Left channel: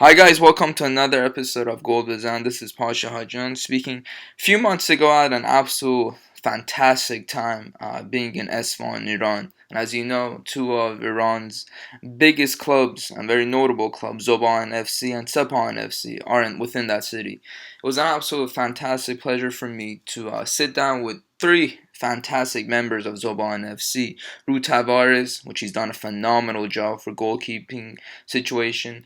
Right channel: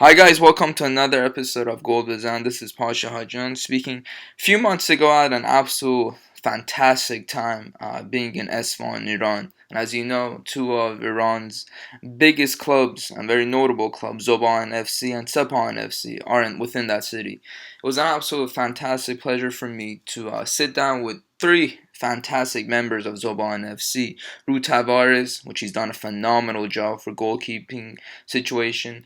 Hi guys, welcome to another episode of Goalkeeper. This is Pasha Hajan speaking. A few months ago, I had an absolute fantastic time being in Esfahan, Iran. And as you know, two of Iran's biggest clubs and very notable clubs, Zob Ahan FC and Sepahan FC, are within that city. It was an absolute fantastic pleasure for me to sit down with three fantastic members of Zob Ahan FC. Rui Tavares, which he's done a phenomenal job for goalkeeping situation.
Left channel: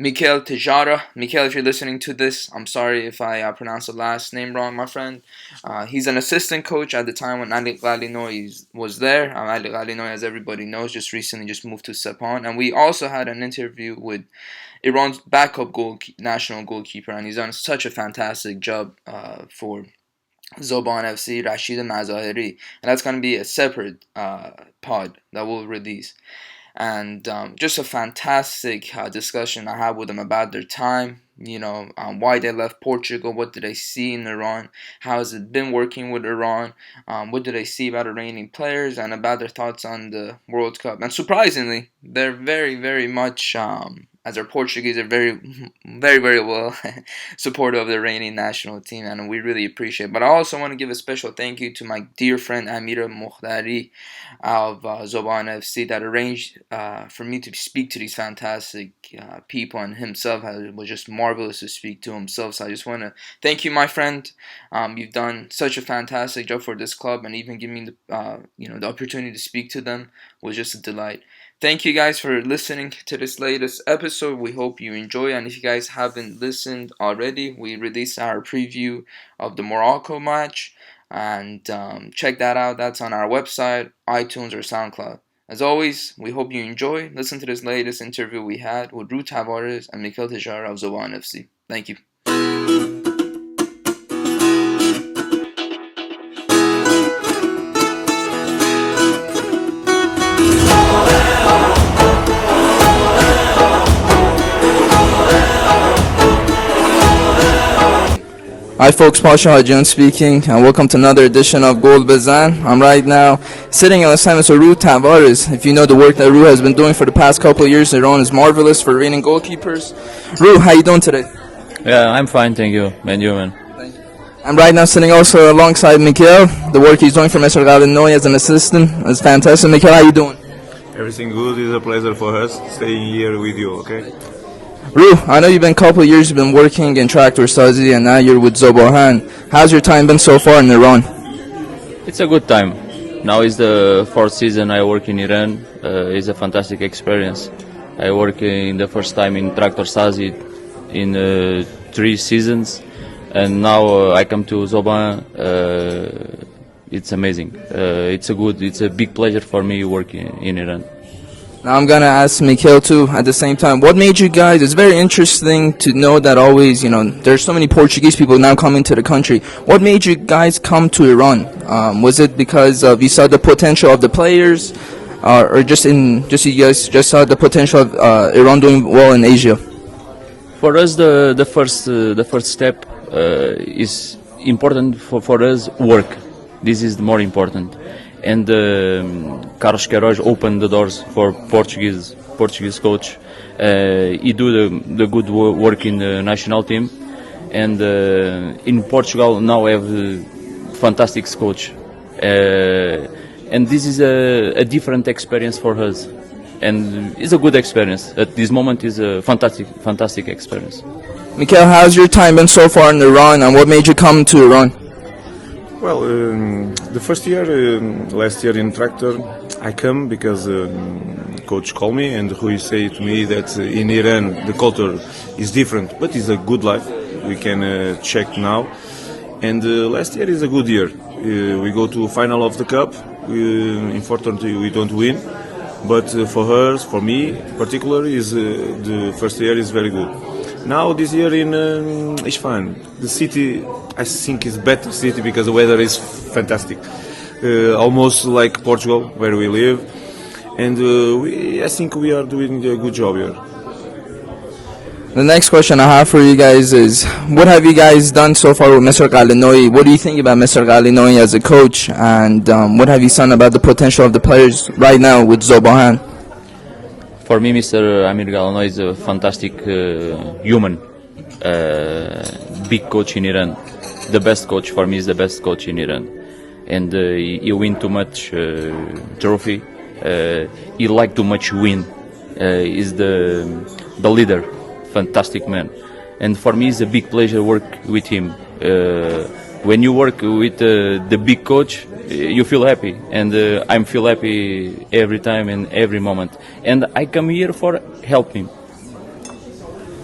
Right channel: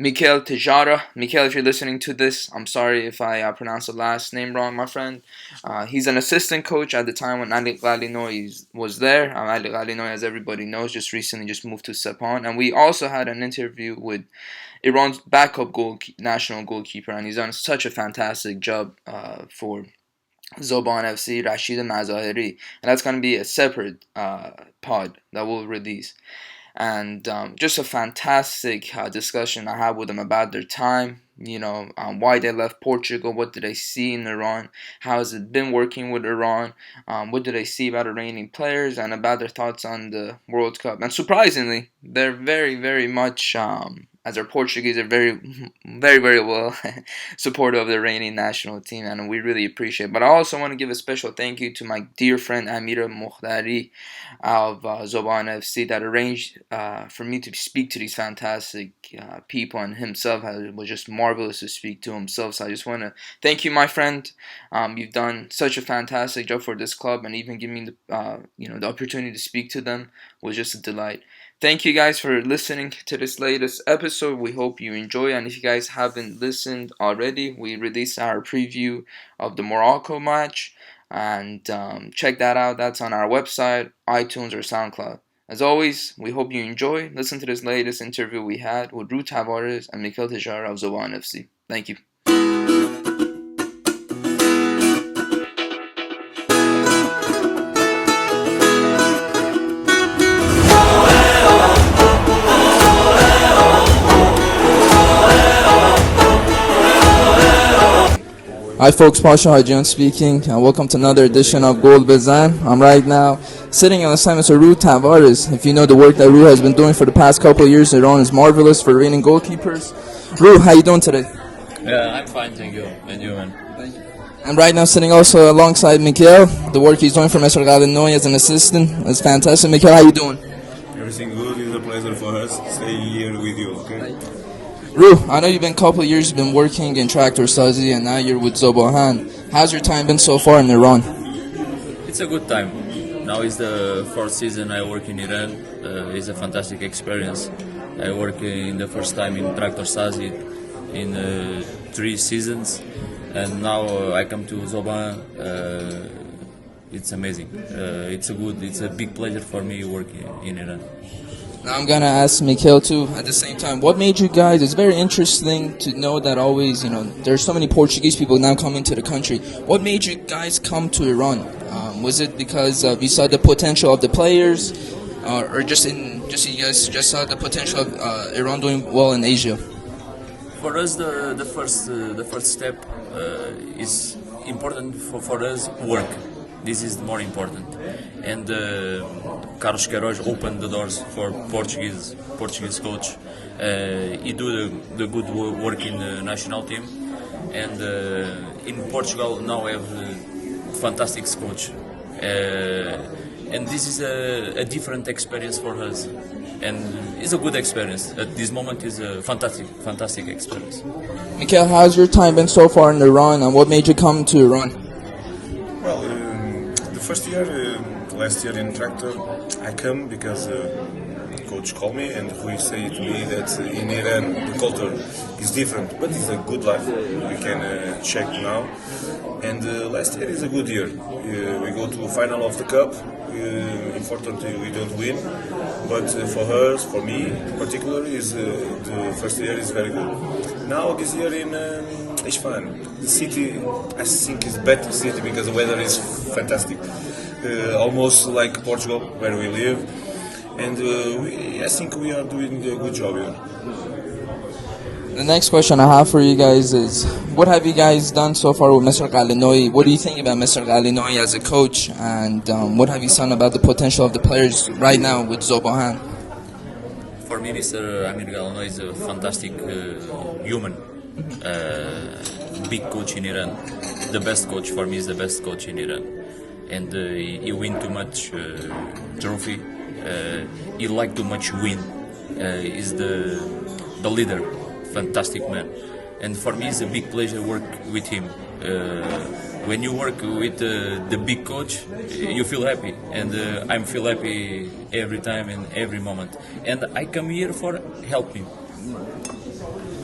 Miguel Teixeira. Miguel, if you're listening to this, I'm sorry if I pronounced the last name wrong, my friend. He's an assistant coach at the time when Ali Ghalinoy was there. Ali Ghalinoy, as everybody knows, just recently moved to Sepahan. And we also had an interview with Iran's backup national goalkeeper, and he's done such a fantastic job for Zob Ahan FC, Rashid Mazahiri. And that's going to be a separate pod that we'll release. And just a fantastic discussion I had with them about their time, why they left Portugal, what did they see in Iran, how has it been working with Iran, what did they see about Iranian players, and about their thoughts on the World Cup. And surprisingly, they're very, very much, as they're Portuguese, they're very, very, very well supportive of the Iranian national team, and we really appreciate it. But I also want to give a special thank you to my dear friend Amira Mokhdari of Zob Ahan FC that arranged for me to speak to these fantastic people, and himself was just marvelous to speak to himself. So I just want to thank you, my friend. You've done such a fantastic job for this club, and even giving me the opportunity to speak to them was just a delight. Thank you guys for listening to this latest episode. We hope you enjoy, and if you guys haven't listened already, we released our preview of the Morocco match, and check that out. That's on our website, iTunes, or SoundCloud. As always, we hope you enjoy. Listen to this latest interview we had with Rui Tavares and Miguel Teixeira of Zob Ahan FC. Thank you. Hi folks, Pasha Hajan speaking, and welcome to another edition of Goalkeeper. I'm right now sitting on assignment with Rui Tavares. If you know the work that Rui has been doing for the past couple of years, Iran is marvelous for Iranian goalkeepers. Rui, how you doing today? Yeah, I'm fine, thank you. And you, man? Thank you. I'm right now sitting also alongside Miguel. The work he's doing for Mr. Ghalinoy as an assistant is fantastic. Miguel, how you doing? Everything good. It's a pleasure for us staying here with you, okay? Rui, I know you've been a couple of years, you've been working in Tractor Sazi, and now you're with Zob Ahan. How's your time been so far in Iran? It's a good time. Now is the fourth season I work in Iran. It's a fantastic experience. I work in the first time in Tractor Sazi in 3 seasons, and now I come to Zob Ahan. It's amazing. It's a big pleasure for me working in Iran. Now I'm going to ask Mikhail too at the same time. What made you guys, it's very interesting to know that always, there's so many Portuguese people now coming to the country. What made you guys come to Iran? Was it because you saw the potential of the players, or you guys saw the potential of Iran doing well in Asia? For us, the first step is important for us. Work. This is more important. And Carlos Queiroz opened the doors for Portuguese coach. He do the good work in the national team, and in Portugal now we have a fantastic coach. And this is a different experience for us, and it's a good experience. At this moment, is a fantastic experience. Mikhail, how's your time been so far in Iran, and what made you come to Iran? Well, the first year, last year in Tractor, I come because coach called me and he said to me that in Iran the culture is different, but it's a good life. We can check now. And last year is a good year. We go to final of the cup. Unfortunately, we don't win. But for us, for me, particularly, is the first year is very good. Now this year in Isfahan, the city I think is better city because the weather is fantastic, almost like Portugal where we live, and I think we are doing a good job here. The next question I have for you guys is, what have you guys done so far with Mr. Ghalinoy? What do you think about Mr. Ghalinoy as a coach, and what have you seen about the potential of the players right now with Zob Ahan? For me, Mr. Amir Galano is a fantastic human, big coach in Iran. The best coach for me is the best coach in Iran, and he win too much trophy. He like too much win. Is the leader, fantastic man, and for me it's a big pleasure work with him. When you work with the big coach, you feel happy, and I feel happy every time and every moment. And I come here for help him.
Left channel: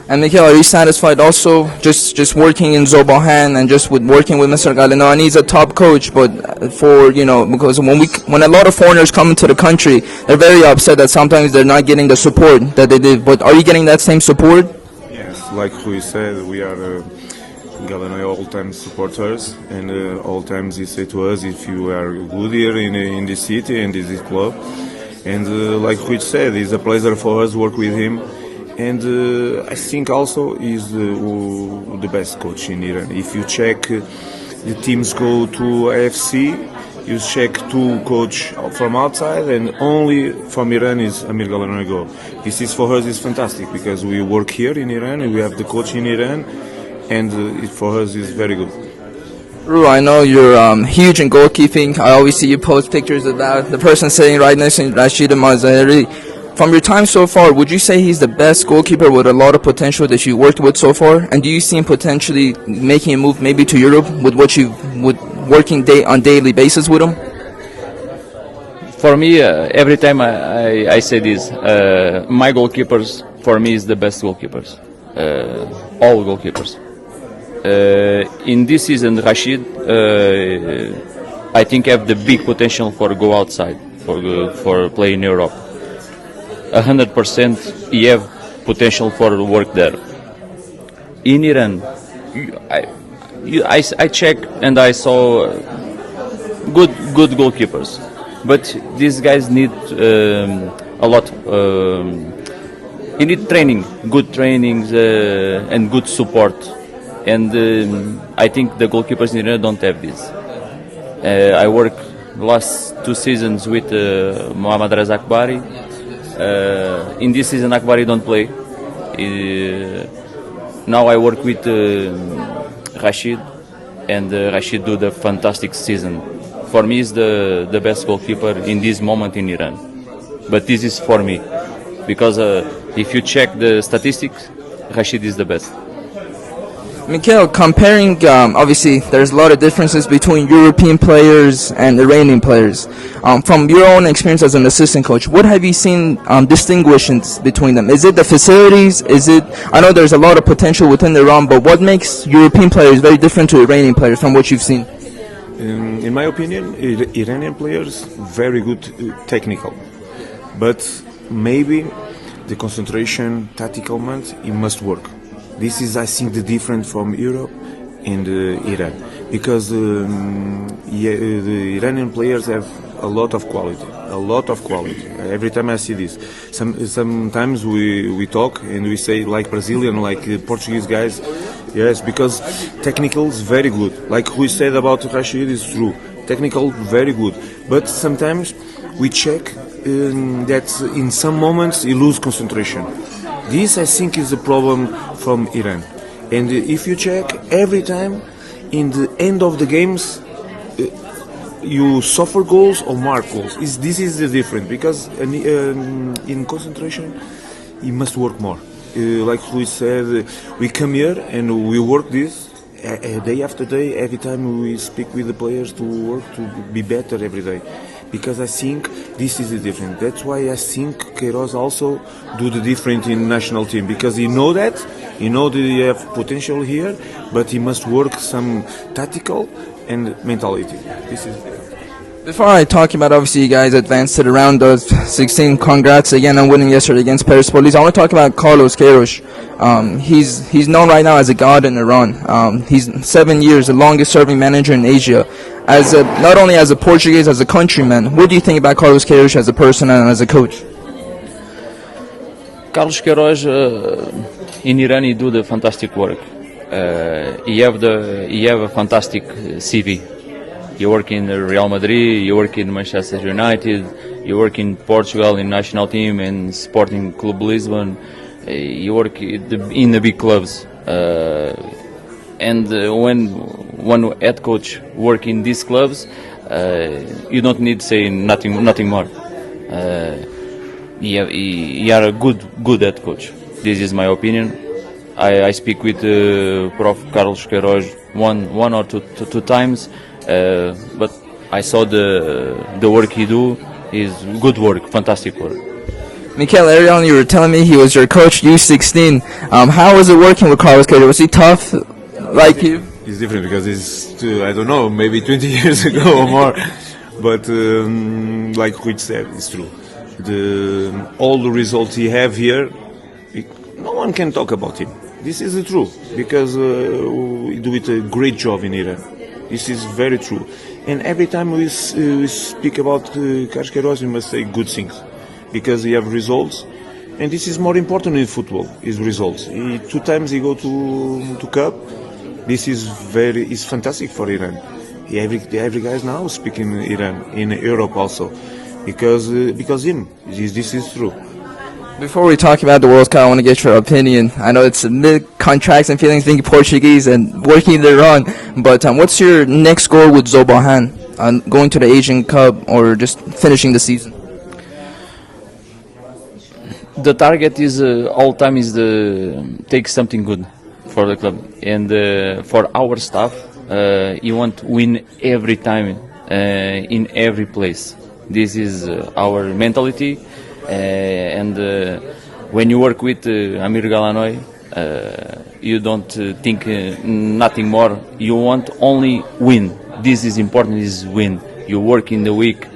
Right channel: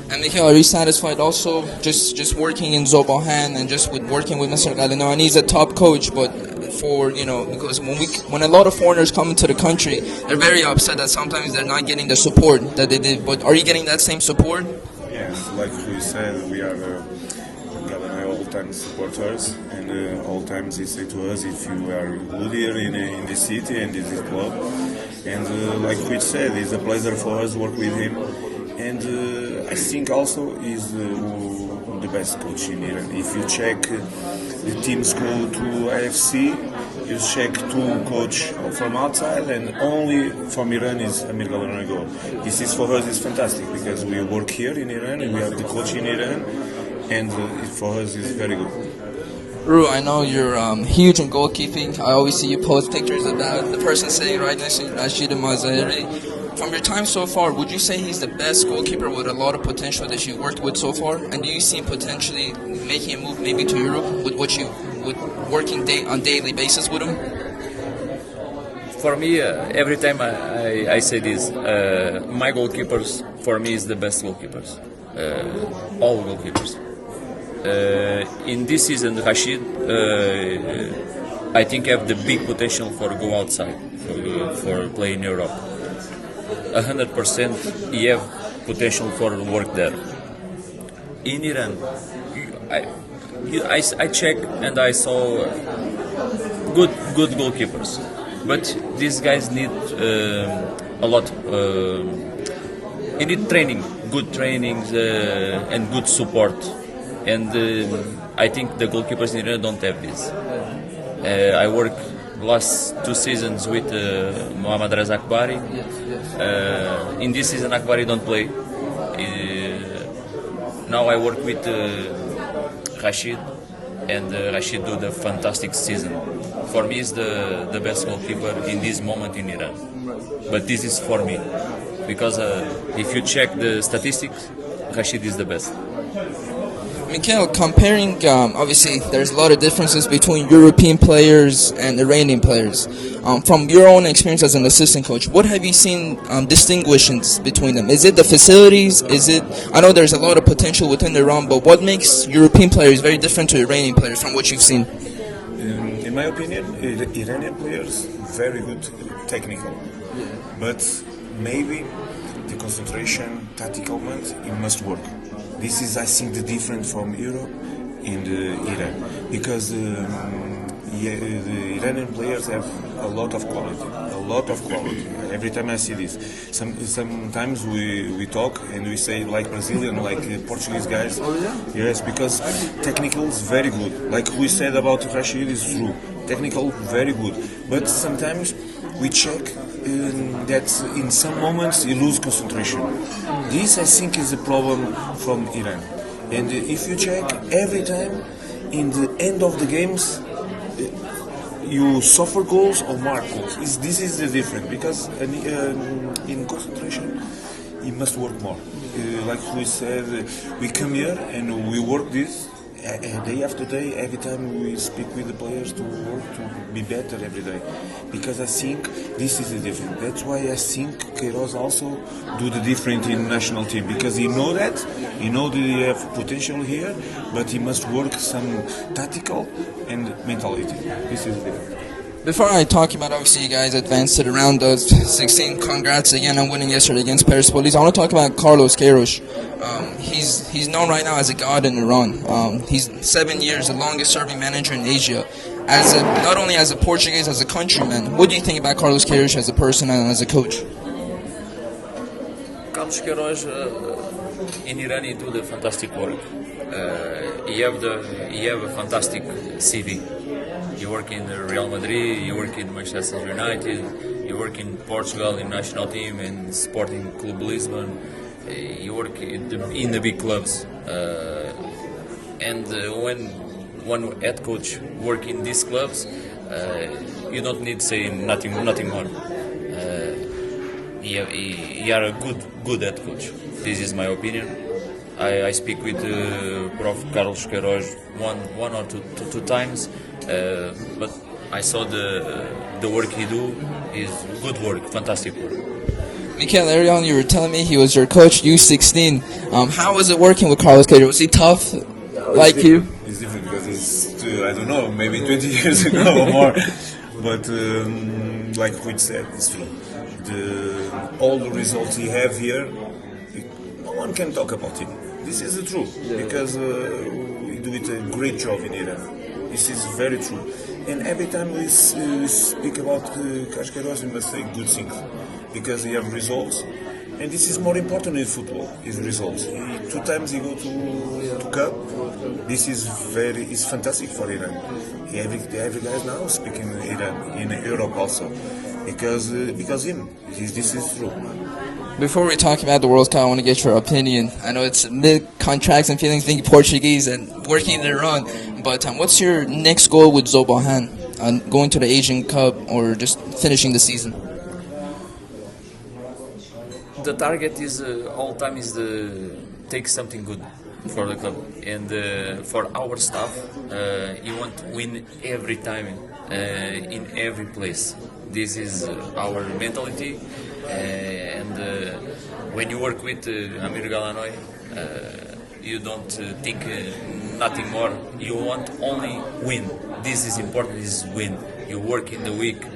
And Miguel, are you satisfied also just working in Zob Ahan and just with working with Mr. Galeno? And he's a top coach, but because when a lot of foreigners come into the country, they're very upset that sometimes they're not getting the support that they did. But are you getting that same support? Yes, like we said, we are Galeno all time supporters, and all times he say to us, if you are good here in the city and this is club, and like we said, it's a pleasure for us work with him. And I think also he's the best coach in Iran. If you check the teams go to AFC, you check two coach from outside, and only from Iran is Amir Galeno go. This is for us is fantastic because we work here in Iran and we have the coach in Iran, and it for us is very good. Ru, I know you're huge in goalkeeping. I always see you post pictures of that. The person sitting right next to Rashid Mazahiri. From your time so far, would you say he's the best goalkeeper with a lot of potential that you worked with so far? And do you see him potentially making a move maybe to Europe with working on daily basis with him? For me, every time I say this, my goalkeepers for me is the best goalkeepers, all goalkeepers. In this season, Rashid, I think have the big potential for go outside for play in Europe. 100% he have potential for work there. In Iran, I checked and I saw good goalkeepers, but these guys need a lot. You need training, good trainings and good support, and I think the goalkeepers in Iran don't have this. I worked last 2 seasons with Mohammad Reza Akbari. In this season, Akbari don't play. Now I work with Rashid, and Rashid do the fantastic season. For me, he's the best goalkeeper in this moment in Iran. But this is for me, because if you check the statistics, Rashid is the best. Miguel, comparing, obviously there's a lot of differences between European players and Iranian players. From your own experience as an assistant coach, what have you seen distinguishes between them? Is it the facilities? I know there's a lot of potential within Iran, but what makes European players very different to Iranian players from what you've seen? In my opinion, Iranian players very good technical, but maybe the concentration, tactical moment, it must work. This is, I think, the difference from Europe and Iran, because the Iranian players have a lot of quality. Every time I see this, sometimes we talk and we say like Brazilian, like Portuguese guys, yes, because technical is very good. Like we said about Rashid is true, technical very good, but sometimes we check that in some moments he lose concentration. This I think is a problem from Iran, and if you check every time in the end of the games, you suffer goals or mark goals. This is the difference, because in concentration you must work more. Like we said, we come here and we work this day after day. Every time we speak with the players to work to be better every day, because I think this is the difference. That's why I think Queiroz also do the different in national team, because he know that he have potential here, but he must work some tactical and mentality. This is it. Before I talk about, obviously, you guys advanced to the round of 16. Congrats again on winning yesterday against Persepolis. I want to talk about Carlos Queiroz. He's known right now as a god in Iran. He's 7 years, the longest-serving manager in Asia. Not only as a Portuguese, as a countryman, what do you think about Carlos Queiroz as a person and as a coach? Carlos Queiroz in Iran, he do the fantastic work. He have a fantastic CV. You work in Real Madrid, you work in Manchester United, You work in Portugal in national team and Sporting Club Lisbon. You work in the big clubs. And when one head coach work in these clubs, you don't need to say nothing more. You are a good head coach. This is my opinion. I speak with Prof. Carlos Queiroz one or two times, but I saw the work he do is good work, fantastic work. Miguel, earlier on you were telling me he was your coach U16. How was it working with Carlos Queiroz? Was he tough like you? It's different because it's, I don't know, maybe 20 years ago or more. But like Rui said, it's true. All the results he have here, no one can talk about him. This is the truth because we do it a great job in Iran. This is very true. And every time we speak about Carlos Queiroz, we must say good things because he have results. And this is more important in football, is results. 2 times he go to Cup. This is fantastic for Iran. Every guy is now speaking Iran, in Europe also. Because him, this is true. Before we talk about the World Cup, I want to get your opinion. I know it's contracts and feelings being Portuguese and working in Iran, but what's your next goal with Zob Ahan? Going to the Asian Cup or just finishing the season? The target is all time is take something good for the club and for our staff. You want to win every time in every place. This is our mentality. And when you work with Amir Galanoy, you don't think nothing more. You want only win. This is important. Is win. You work in the week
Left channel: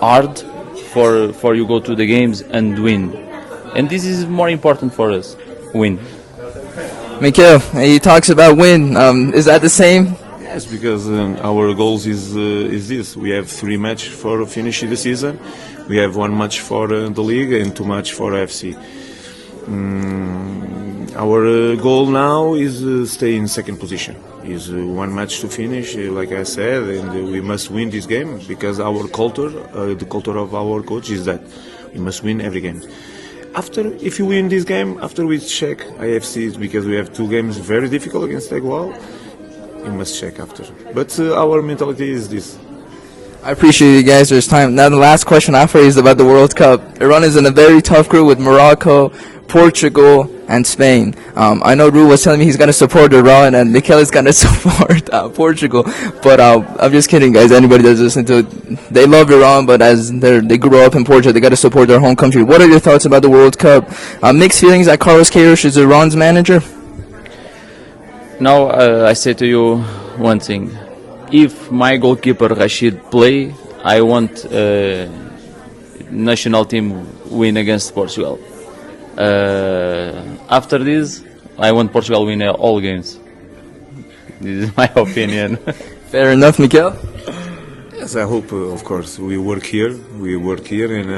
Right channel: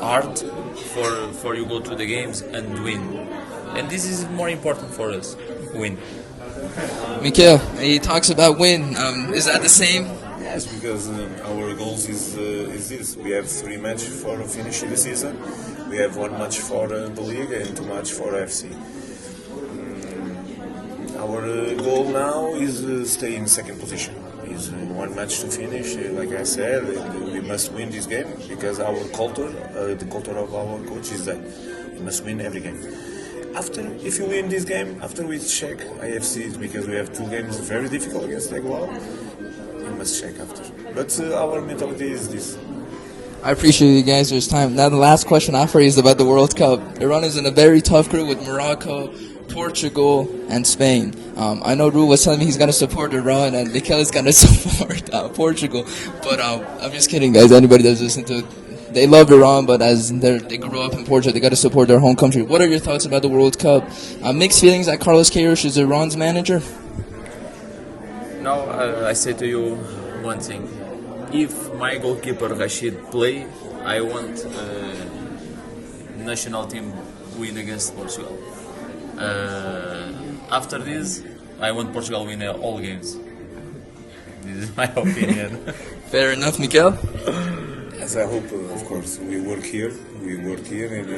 hard for you go to the games and win. And this is more important for us. Win. Miguel, he talks about win. Is that the same? Yes, because our goals is this. We have 3 matches for finishing the season. We have 1 match for the league and 2 matches for FC. Our goal now is stay in second position. Is 1 match to finish, like I said, and we must win this game because our culture, the culture of our coach is that we must win every game. After, if you win this game, after we check IFC, because we have 2 games very difficult against Egual, we must check after. But our mentality is this. I appreciate you guys. There's time. Now the last question I have for you is about the World Cup. Iran is in a very tough group with Morocco, Portugal, and Spain. I know Rui was telling me he's going to support Iran and Mikel is going to support Portugal. But I'm just kidding, guys. Anybody that's listening to it, they love Iran, but as they grew up in Portugal, they got to support their home country. What are your thoughts about the World Cup? Mixed feelings that Carlos Queiroz is Iran's manager? Now I say to you one thing. If my goalkeeper Rashid play, I want national team win against Portugal. After this, I want Portugal win all games. This is my opinion. Fair enough, Miguel. Yes, I hope, of course, we work here, and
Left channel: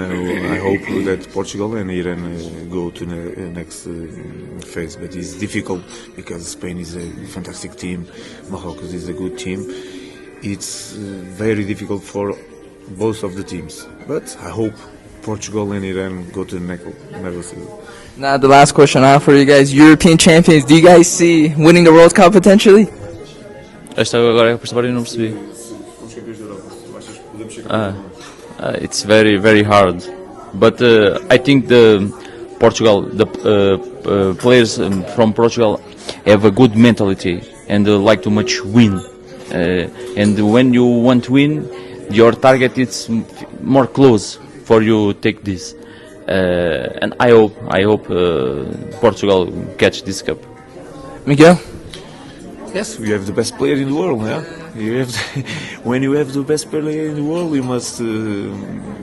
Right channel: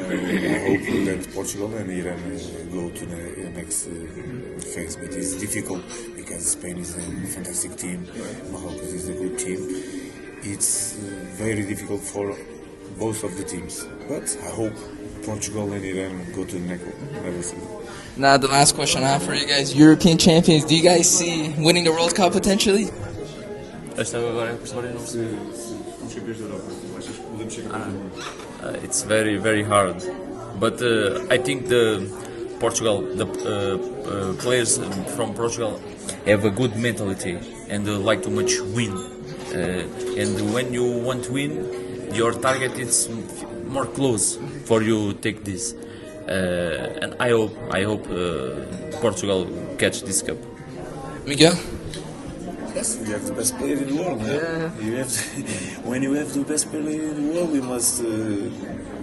I hope that Portugal and Iran go to the next phase. But it's difficult because Spain is a fantastic team, Morocco is a good team. It's very difficult for both of the teams. But I hope Portugal and Iran go to the next level. Now the last question I have for you guys, European champions, do you guys see winning the World Cup potentially? Esta agora é para não percebi. It's very hard, but I think the players from Portugal have a good mentality and like to much win. And when you want to win, your target is more close for you take this. And I hope Portugal catch this cup. Miguel? Yes, we have the best player in the world. Yeah? When you have the best player in the world, you must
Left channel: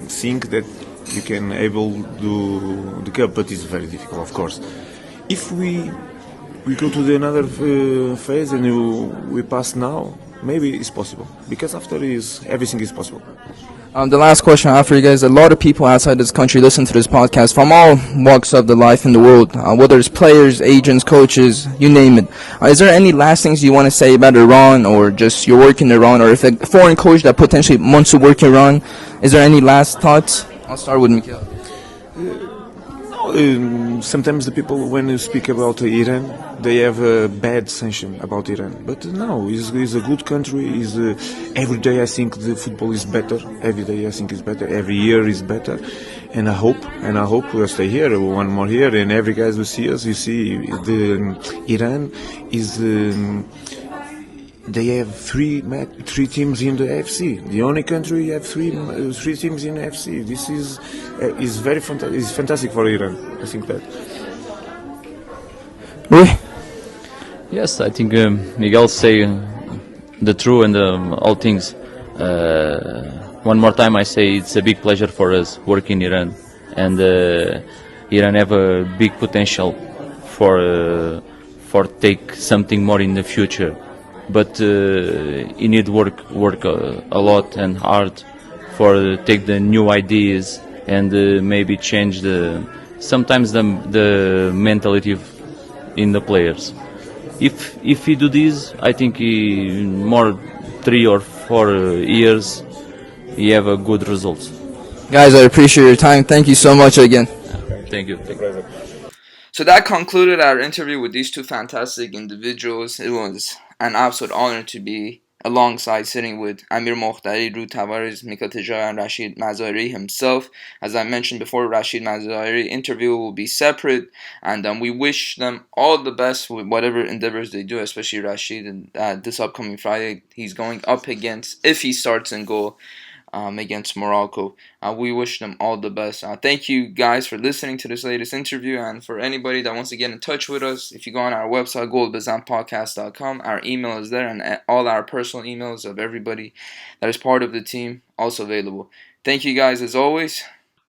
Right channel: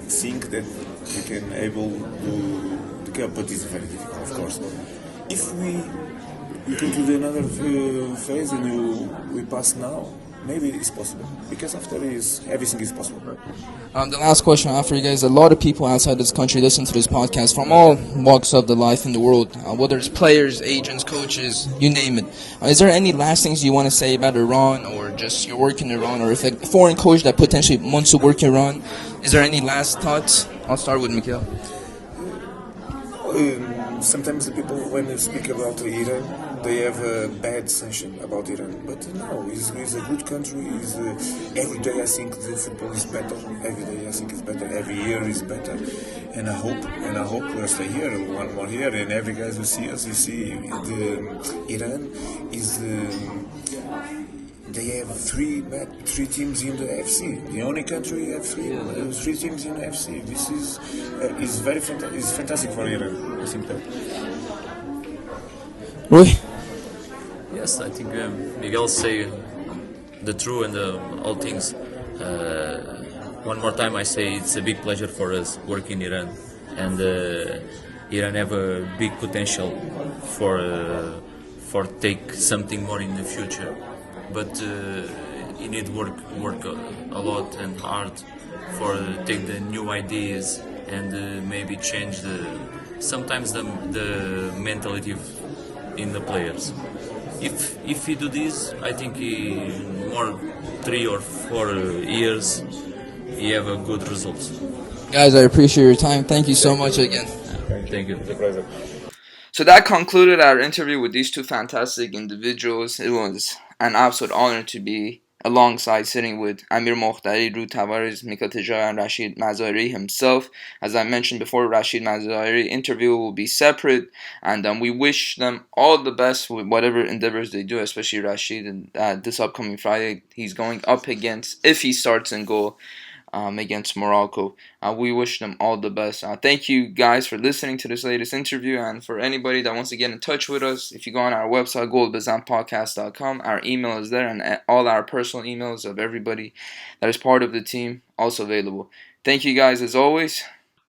think that you can able do the cup, but it's very difficult, of course. If we go to the another phase and we pass now, maybe it's possible, because after everything is possible. The last question I have for you guys, a lot of people outside this country listen to this podcast from all walks of the life in the world, whether it's players, agents, coaches, you name it. Is there any last things you want to say about Iran, or just your work in Iran, or if a foreign coach that potentially wants to work in Iran, is there any last thoughts? I'll start with Miguel. Sometimes the people, when you speak about Iran, they have a bad sanction about Iran. But no, it's a good country. Every day I think the football is better. Every day I think it's better. Every year is better. And I hope we'll stay here one more year. And every guys will see us. You see, Iran is. They have three teams in the AFC. The only country have three teams in the AFC. This is very fantastic for Iran. I think that. Yes, I think Miguel say the true and all things. One more time, I say it's a big pleasure for us working in Iran, and Iran have a big potential for take something more in the future. But you need work a lot and hard for take the new ideas and maybe change sometimes the mentality in the players. If he do this, I think he more 3 or 4 years he have a good results. Guys, I appreciate your time. Thank you so much again. Thank you. So that concluded our interview with these two fantastic individuals. It was an absolute honor to be alongside sitting with Amir Mokhtari, Rui Tavares, Miguel Teixeira, and Rashid Mazahiri himself. As I mentioned before, Rashid Mazahiri interview will be separate, and we wish them all the best with whatever endeavors they do, especially Rashid. And this upcoming Friday, he's going up against, if he starts in goal, against Morocco. We wish them all the best. Thank you guys for listening to this latest interview, and for anybody that wants to get in touch with us, if you go on our website, goalbazanpodcast.com, our email is there, and all our personal emails of everybody that is part of the team also available. Thank you guys as always.